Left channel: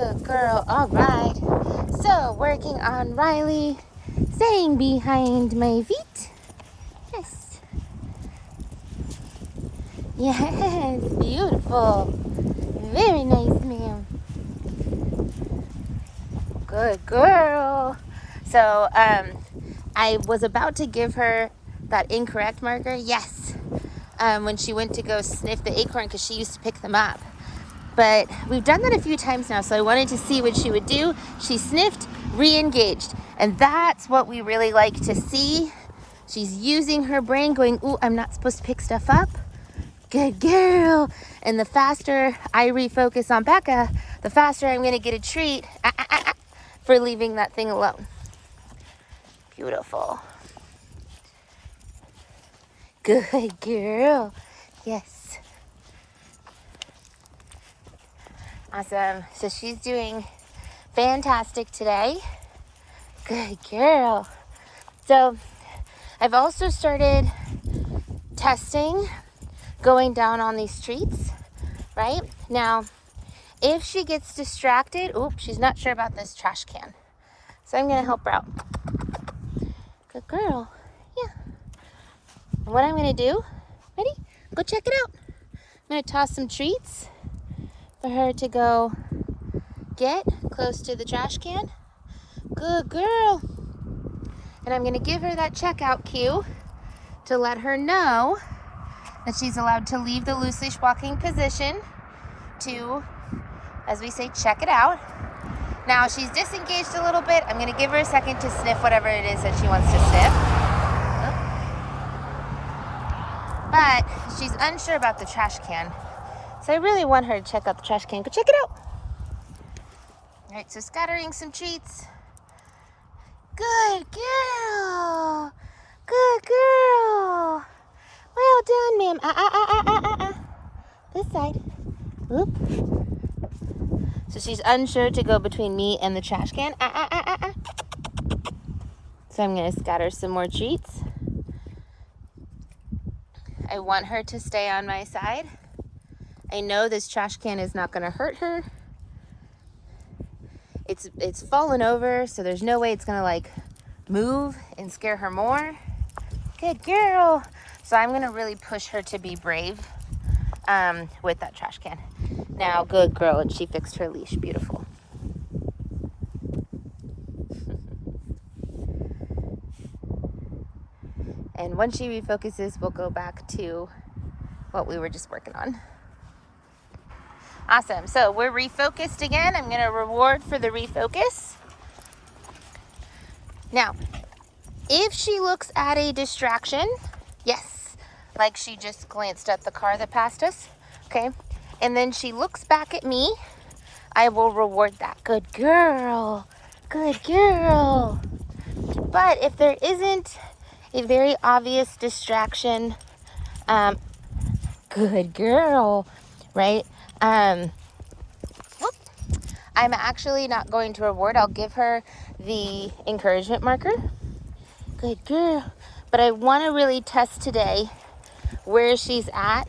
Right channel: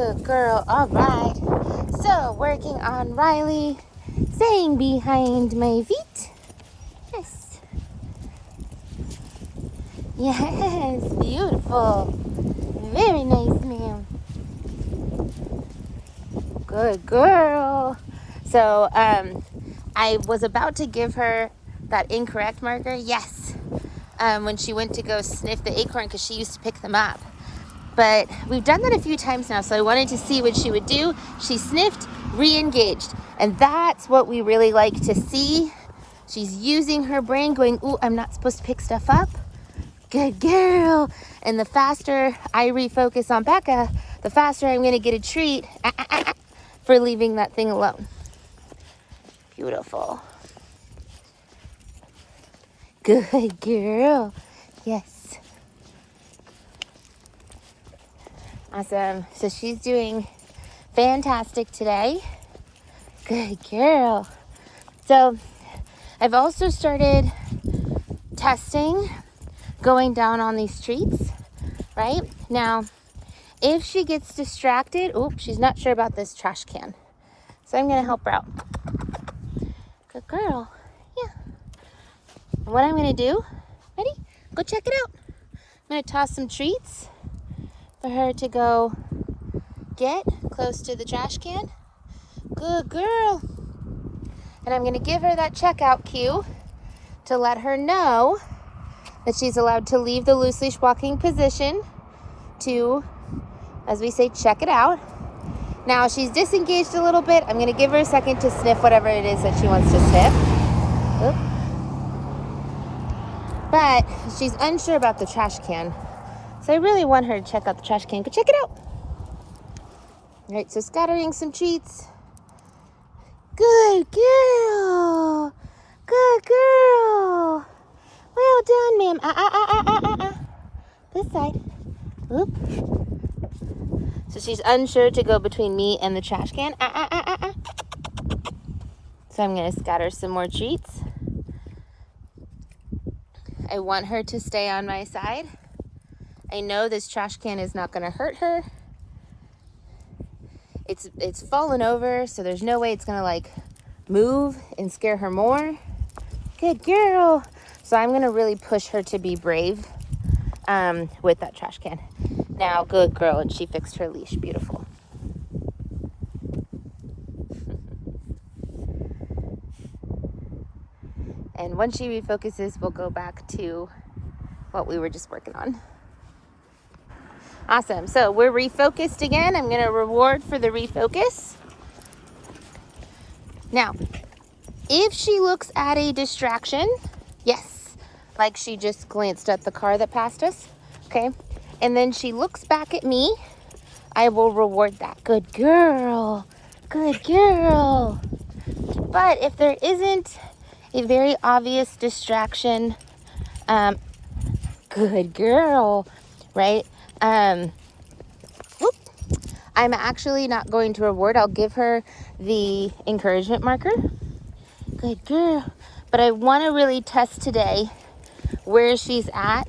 Good girl. All right. So, working on Riley, staying behind my feet. Yes. Yes, beautiful. Very nice, ma'am. Good girl. So, I was about to give her that incorrect marker. Yes. When she went to go sniff the acorn because she used to pick them up. But we've done that a few times now, so I wanted to see what she would do. She sniffed, re-engaged, and that's what we really like to see. She's using her brain, going, ooh, I'm not supposed to pick stuff up. Good girl. And the faster I refocus on Becca, the faster I'm going to get a treat for leaving that thing alone. Beautiful. Good girl. Yes. Awesome. So she's doing fantastic today. Good girl. So I've also started testing going down on these streets, right? Now, if she gets distracted, she's not sure about this trash can. So I'm going to help her out. Good girl. Yeah. What I'm going to do, ready? Go check it out. I'm going to toss some treats for her to go get close to the trash can. Good girl. And I'm going to give her that checkout cue to let her know that she's allowed to leave the loose leash walking position to, as we say, check it out. Now she's disengaged a little bit. I'm going to give her a second to sniff whatever it is that she wants to sniff. But she's unsure about the trash can. So I really want her to check out the trash can. Go check it out. All right, so scattering some treats. Good girl. Good girl. Well done, ma'am. This side. Whoop. So she's unsure to go between me and the trash can. So I'm going to scatter some more treats. I want her to stay on my side. I know this trash can is not going to hurt her. It's fallen over, so there's no way it's going to like move and scare her more. Good girl. So I'm going to really push her to be brave with that trash can. Now, good girl, and she fixed her leash. Beautiful. And once she refocuses, we'll go back to what we were just working on. Awesome. So we're refocused again. I'm going to reward for the refocus. Now, if she looks at a distraction, yes, like she just glanced at the car that passed us, okay, and then she looks back at me, I will reward that. Good girl. Good girl. But if there isn't a very obvious distraction, good girl, right? I'm actually not going to reward. I'll give her the encouragement marker. Good girl. But I want to really test today where she's at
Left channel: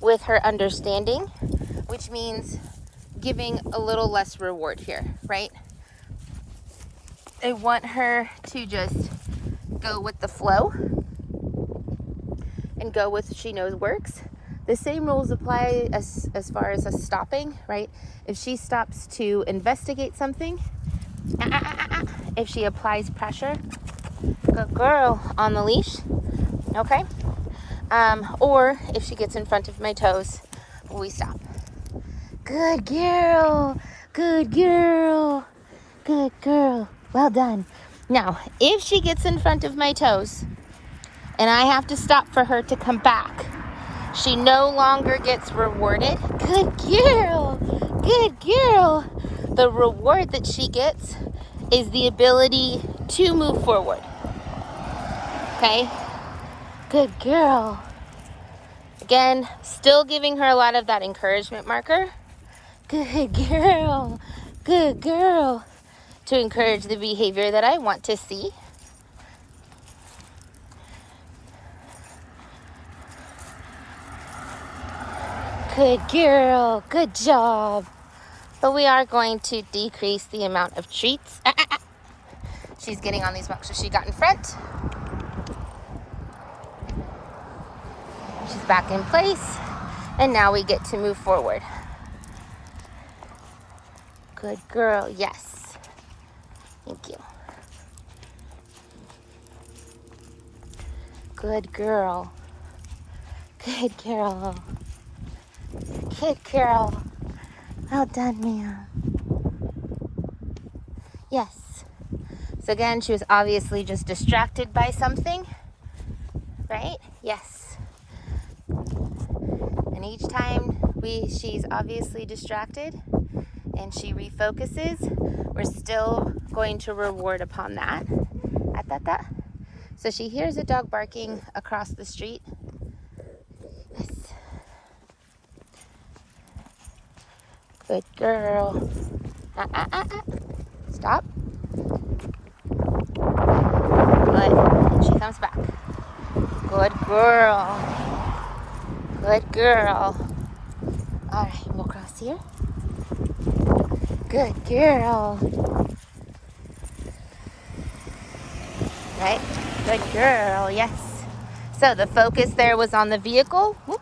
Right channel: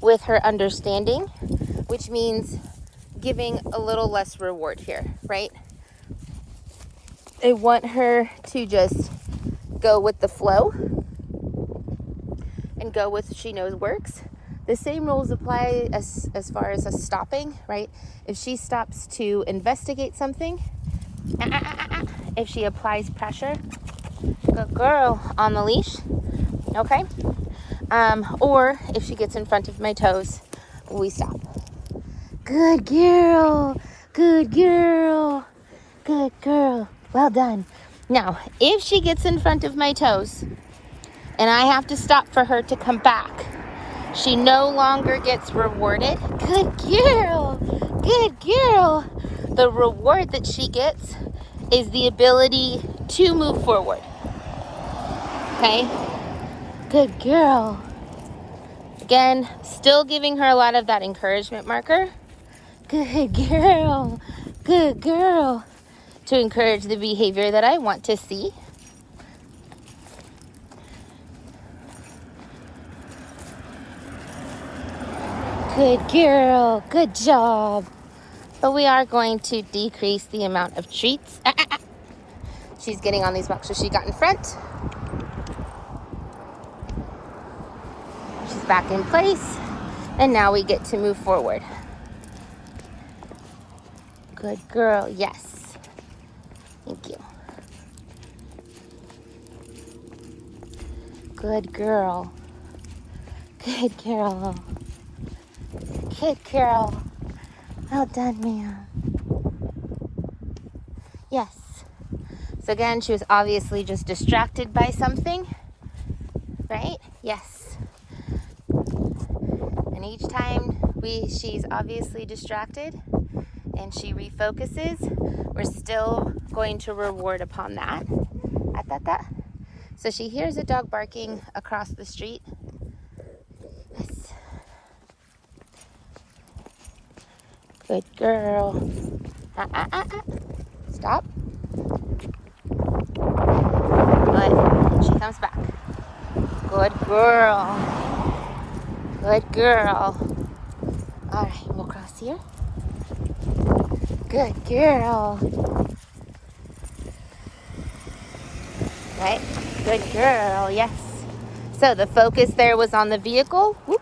with her understanding, which means giving a little less reward here, right? I want her to just go with the flow and go with what she knows works. The same rules apply as far as us stopping, right? If she stops to investigate something, if she applies pressure, good girl, on the leash, okay? Or if she gets in front of my toes, we stop. Good girl, good girl, good girl. Well done. Now, if she gets in front of my toes and I have to stop for her to come back, she no longer gets rewarded. Good girl, good girl. The reward that she gets is the ability to move forward. Okay? Good girl. Again, still giving her a lot of that encouragement marker. Good girl, good girl. To encourage the behavior that I want to see. Good girl, good job. But we are going to decrease the amount of treats. She's getting on these rocks, so she got in front. She's back in place. And now we get to move forward. Good girl, yes. Thank you. Good girl. Good girl. Good girl. Well done, Mia. Yes. So again, she was obviously just distracted by something, right? Yes. And each time she's obviously distracted and she refocuses, we're still going to reward upon that. So she hears a dog barking across the street. Yes. Good girl. Stop. Good. She comes back. Good girl. Good girl. All right, we'll cross here. Good girl. Right. Good girl. Yes. So the focus there was on the vehicle. Whoop.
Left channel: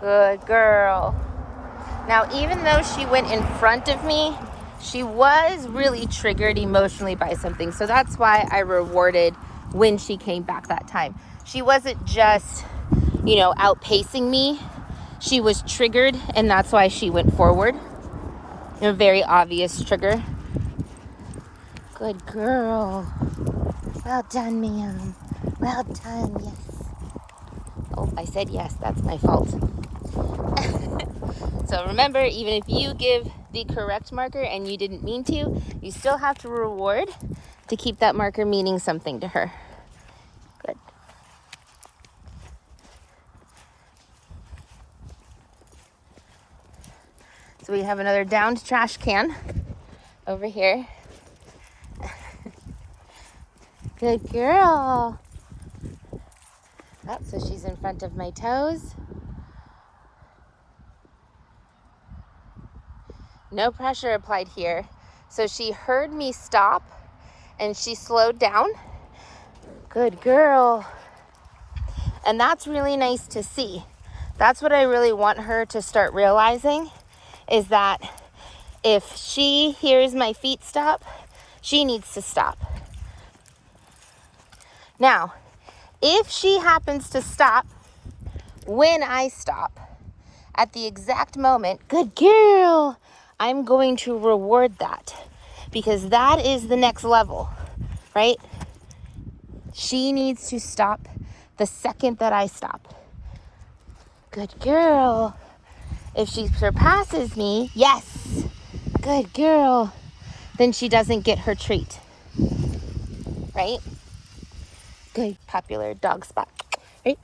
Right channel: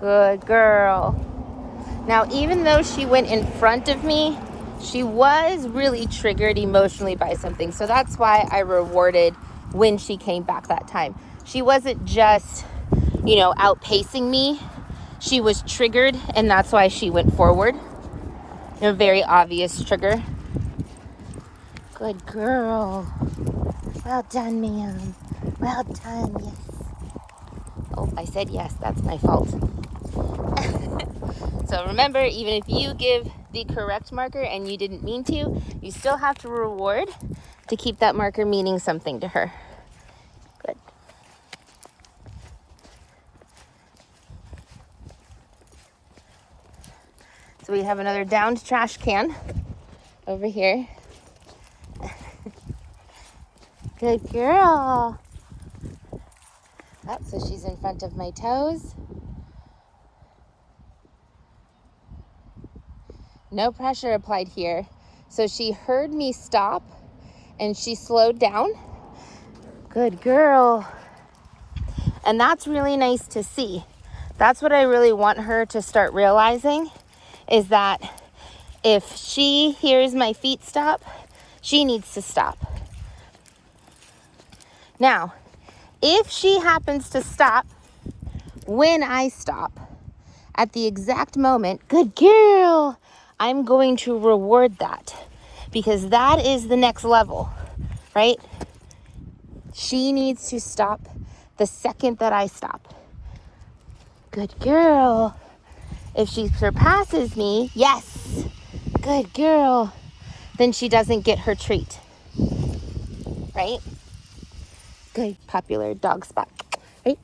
Good girl. Now, even though she went in front of me, she was really triggered emotionally by something. So that's why I rewarded when she came back that time. She wasn't just, outpacing me. She was triggered, and that's why she went forward. A very obvious trigger. Good girl. Well done, ma'am. Well done, yes. Oh, I said yes. That's my fault. So remember, even if you give the correct marker and you didn't mean to, you still have to reward to keep that marker meaning something to her. Good. So we have another downed trash can over here. Good girl. Oh, so she's in front of my toes. No pressure applied here. So she heard me stop and she slowed down. Good girl. And that's really nice to see. That's what I really want her to start realizing, is that if she hears my feet stop, she needs to stop. Now, if she happens to stop when I stop at the exact moment, good girl, I'm going to reward that, because that is the next level, right? She needs to stop the second that I stop. Good girl. If she surpasses me, yes, good girl, then she doesn't get her treat, right? Good, popular dog spot. Right?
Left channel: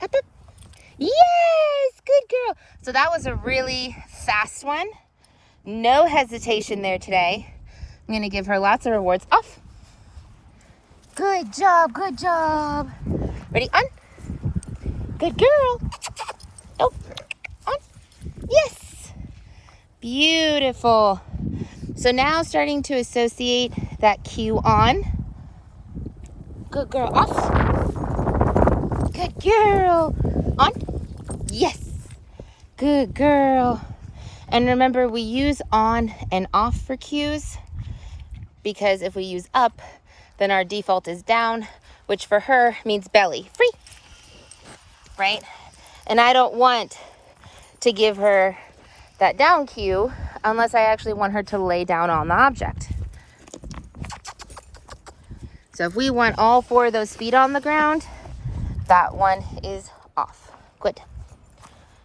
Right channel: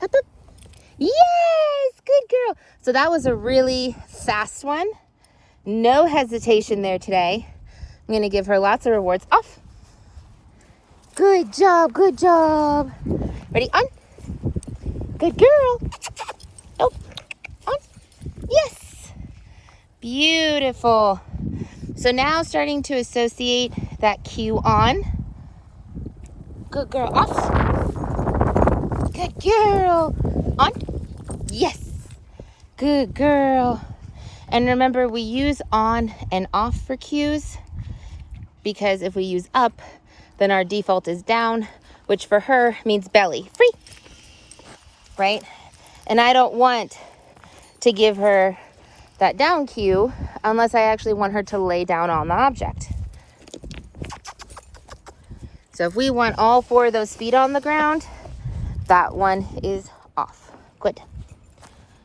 Yes, good girl. So that was a really fast one. No hesitation there today. I'm gonna give her lots of rewards. Off. Good job, good job. Ready, on. Good girl. Oh, on. Yes. Beautiful. So now starting to associate that cue on. Good girl, off. Good girl. On. Yes. Good girl. And remember, we use on and off for cues, because if we use up, then our default is down, which for her means belly. Free. Right? And I don't want to give her that down cue unless I actually want her to lay down on the object. So if we want all 4 of those feet on the ground, that one is off. Good.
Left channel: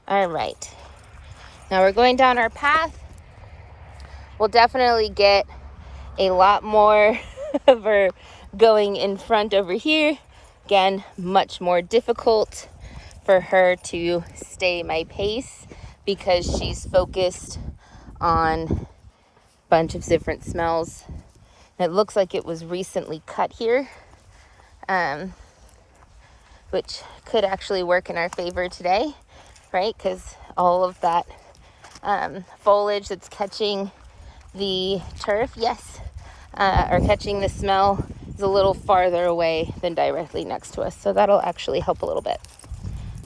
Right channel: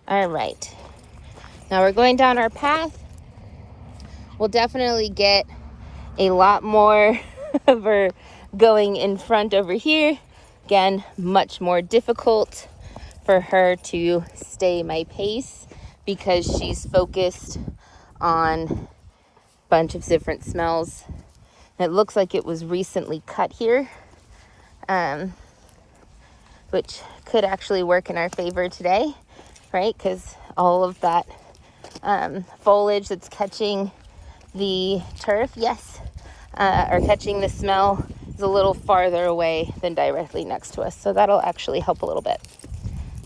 All right. Now we're going down our path. We'll definitely get a lot more of her going in front over here. Again, much more difficult for her to stay my pace because she's focused on a bunch of different smells. It looks like it was recently cut here. which could actually work in our favor today, right? Because all of that foliage that's catching the turf, yes, or catching the smell is a little farther away than directly next to us. So that'll actually help a little bit.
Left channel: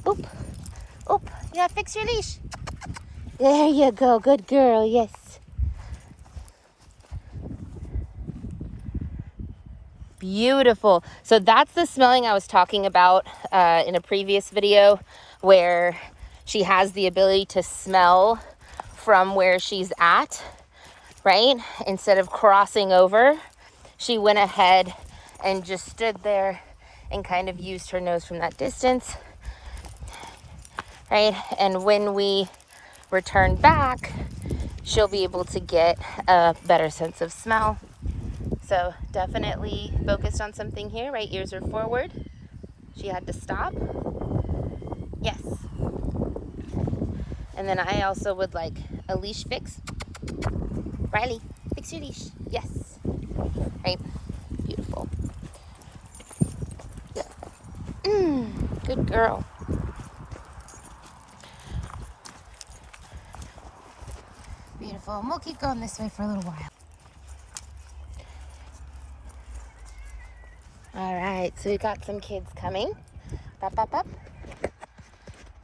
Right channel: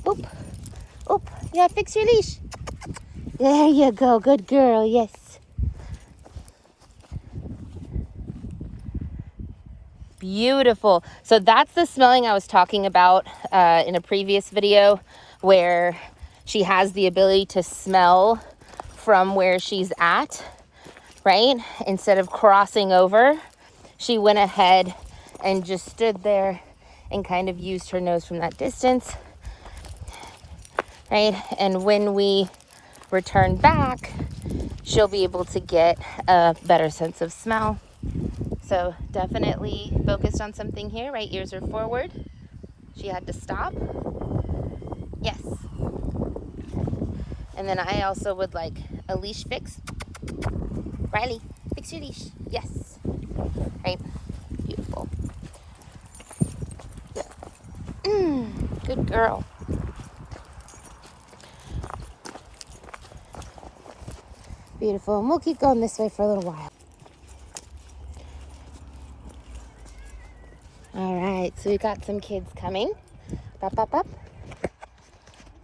Oop, oop, you gotta fix your leash. There you go, good girl, yes. Beautiful. So that's the smelling I was talking about in a previous video, where she has the ability to smell from where she's at, right? Instead of crossing over, she went ahead and just stood there and kind of used her nose from that distance, right? And when we return back, she'll be able to get a better sense of smell. So definitely focused on something here, right? Ears are forward. She had to stop. Yes. And then I also would like a leash fix. Riley, fix your leash. Yes. Right? Beautiful. Yeah. Good girl. Beautiful. And we'll keep going this way for a little while. All right, so we got some kids coming. Up, up, up.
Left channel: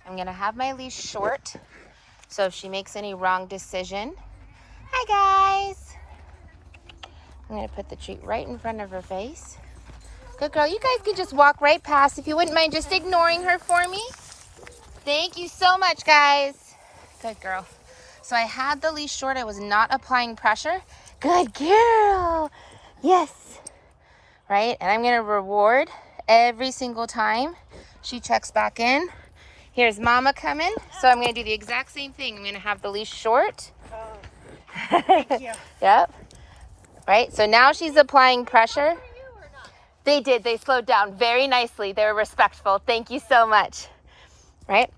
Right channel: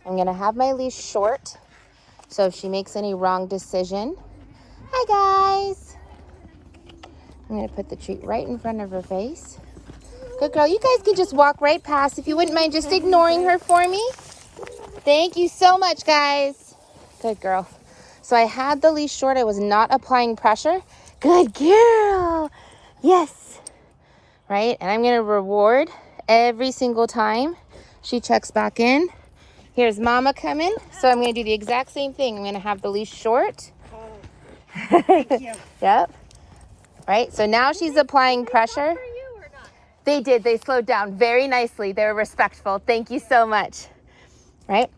I'm gonna have my leash short, so if she makes any wrong decision. Hi, guys. I'm gonna put the treat right in front of her face. Good girl, you guys can just walk right past if you wouldn't mind just ignoring her for me. Thank you so much, guys. Good girl. So I had the leash short, I was not applying pressure. Good girl, yes. Right? And I'm gonna reward every single time she checks back in. Here's Mama coming, so I'm gonna do the exact same thing. I'm gonna have the leash short. Thank you. Yep. Right, so now she's applying pressure. They did, they slowed down very nicely. They were respectful. Thank you so much. Right?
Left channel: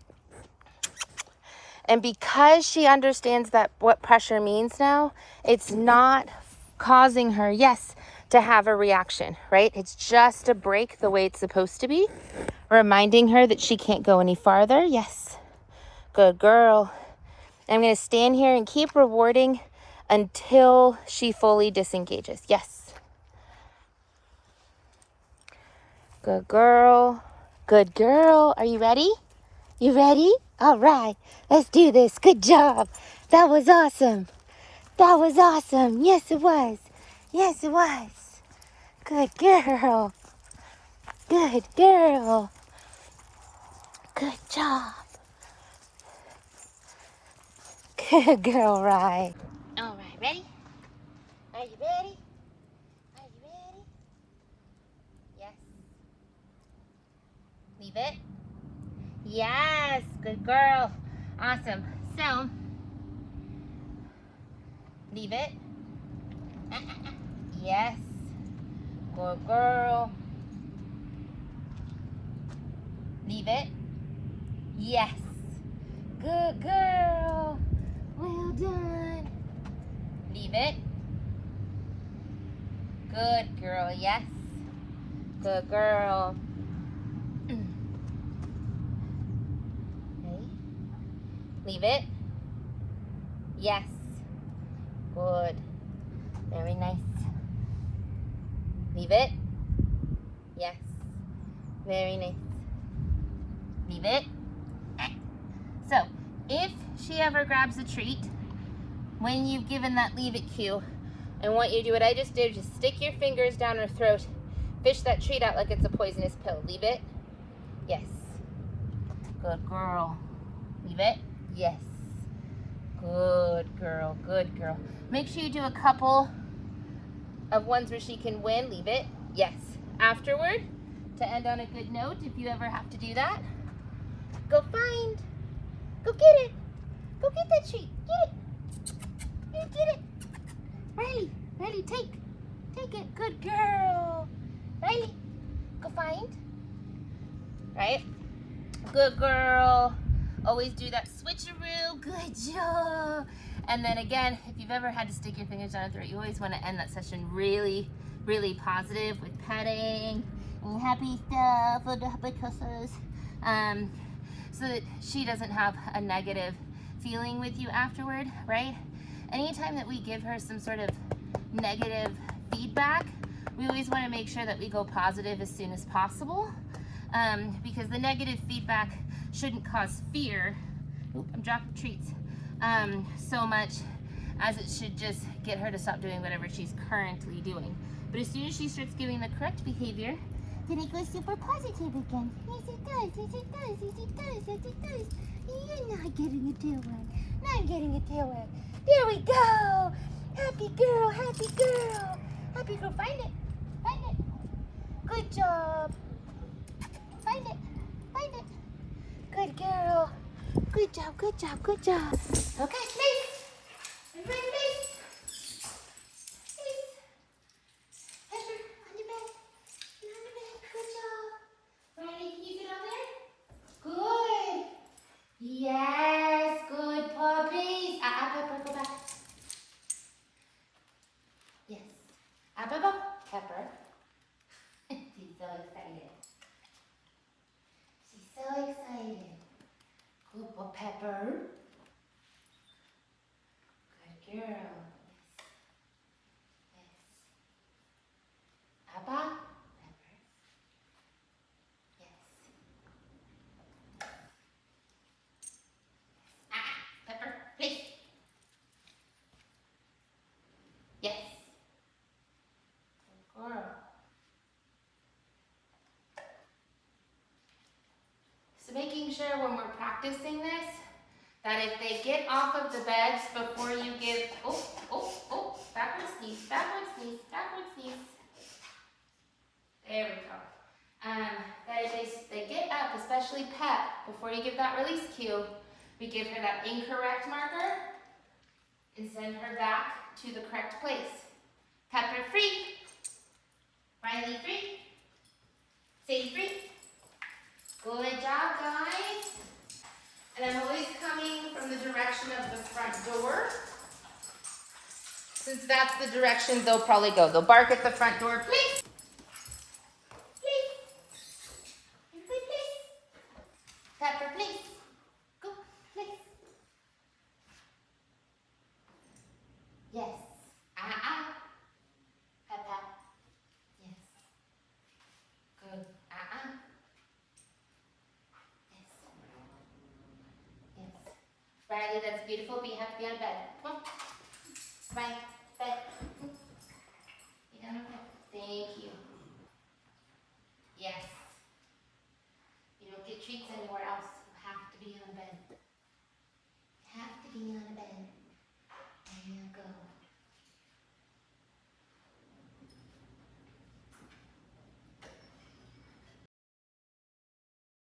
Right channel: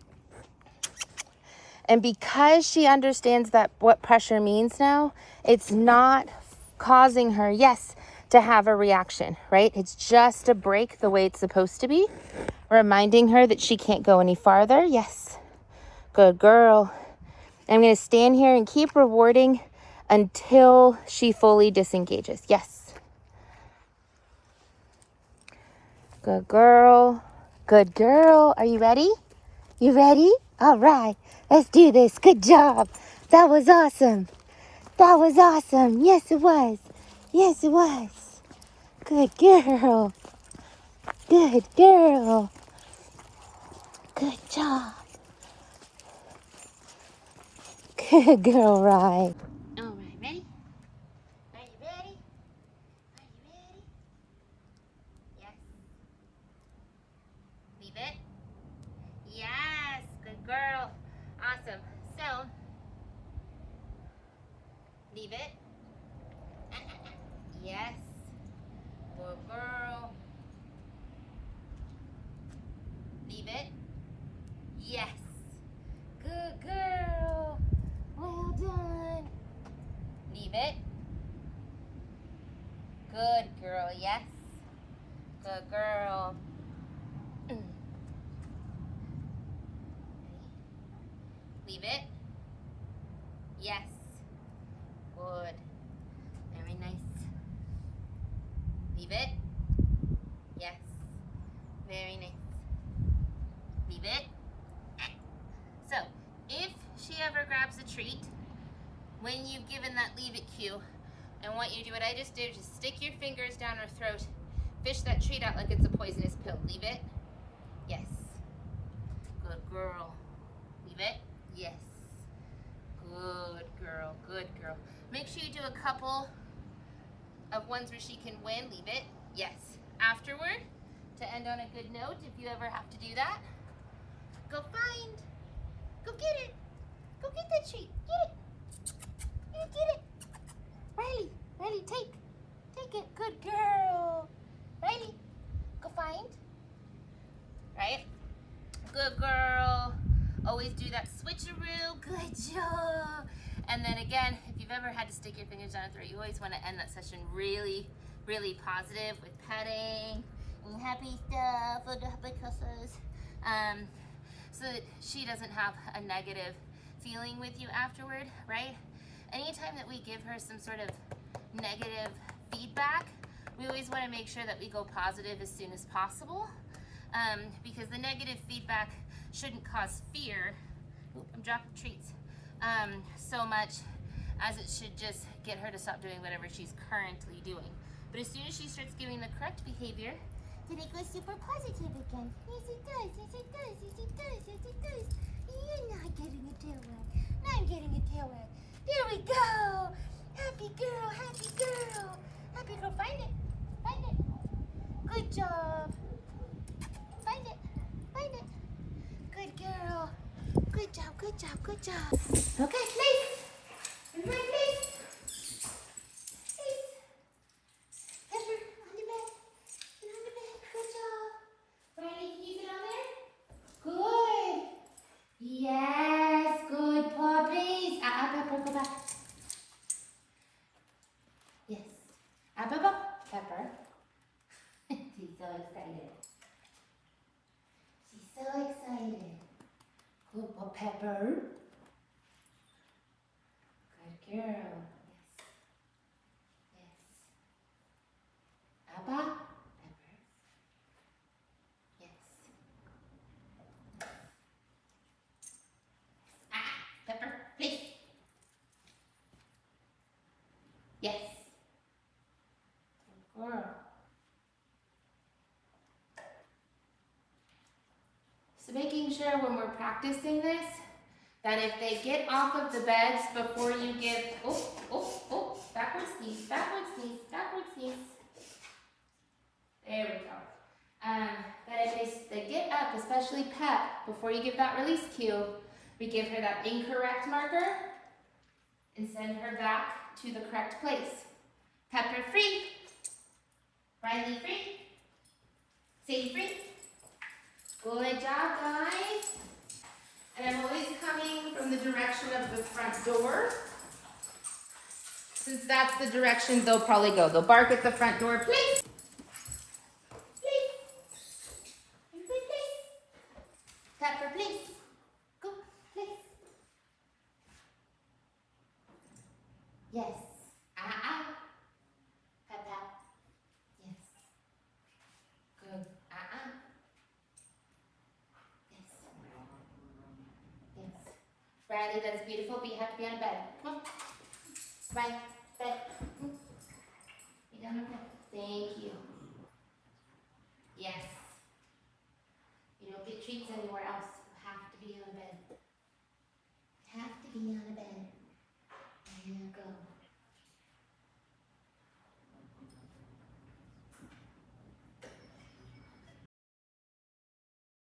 And because she understands that what pressure means now, it's not causing her, yes, to have a reaction, right? It's just a break the way it's supposed to be. Reminding her that she can't go any farther. Yes. Good girl. I'm going to stand here and keep rewarding until she fully disengages. Yes. Good girl. Good girl. Are you ready? You ready? All right. Let's do this. Good job. That was awesome. That was awesome. Yes, it was. Yes, it was. Good girl. Good girl. Good job. Good girl, right? All right, ready? Are you ready? Are you ready? Yes. Leave it. Yes, good girl. Awesome. So, leave it. Yes. Good girl. Leave it. Yes. Good girl. Well done. Leave it. Good girl. Yes. Good girl. Ready? Leave it. Yes. Good. Very nice. Leave it. Yes. Very nice. Leave it. So, if she ever grabs a treat, when you've given that leave it cue, I want you to do what I just did. Just stick your fingers down her throat. Fish that treat out like it's a poisonous pill. Leave it. Yes. Good girl. Leave it. Yes. Good girl. Good girl. Make sure you do a couple of ones where she can win. Leave it. Yes. Afterward, to end on a good note, if you ever have to do that, go find. Go get it. Go get that treat. Get it. You did it. Riley. Riley, take. Take it. Good girl. Riley, go find. Right? Good girl. Always do that switcheroo. Good job. And then again, if you've ever had to stick your fingers down her throat, you always want to end that session really, really positive with petting and happy stuff for the happy kisses. So that she doesn't have a negative feeling with you afterward, right? Anytime that we give her some sort of negative feedback, we always want to make sure that we go positive as soon as possible, because the negative feedback shouldn't cause fear. Oop, I'm dropping treats. So much as it should just get her to stop doing whatever she's currently doing. But as soon as she starts giving the correct behavior, then it goes super positive again. Yes, it does. Yes, it does. Yes, it does. Yes, it does. You're not getting a tail wag. Not getting a tail wag. There we go. Happy girl. Happy girl. Happy girl. Find it. Find it. Good job. Find it. Find it. Good girl. Good job. Good job. Good job. Okay, please. Everybody, please. Please. Pepper, on your bed. Get on your bed. Good job. Riley, can you get on there? Good. Yes, good puppies. Pepper, go back. Yes. Pepper. Pepper. She's so excited. She's so excited. Good Pepper. Good girl. Yes. Yes. Abba. Pepper. Yes. Pepper, please. Yes. Good girl. So making sure when we're practicing this, that if they get off of the beds before you give, backward sneeze, backward sneeze, backward sneeze. There we go. That if they get up, especially Pep, before you give that release cue, we give her that incorrect marker and send her back to the correct place. Pepper free. Riley free. Sadie free. Good job, guys. And I'm always coming from the direction of the front door. Since that's the direction they'll probably go. They'll bark at the front door, please. Please. Everybody, please. Pepper, please. Go, please. Yes. Pepper. Yes. Good. Yes. Yes. Riley, that's beautiful, but you have to be on bed. Come on. Bye. Bed. Be down on bed. Thank you. Yes. You don't get treats anywhere else. You have to be on bed. You have to be on bed.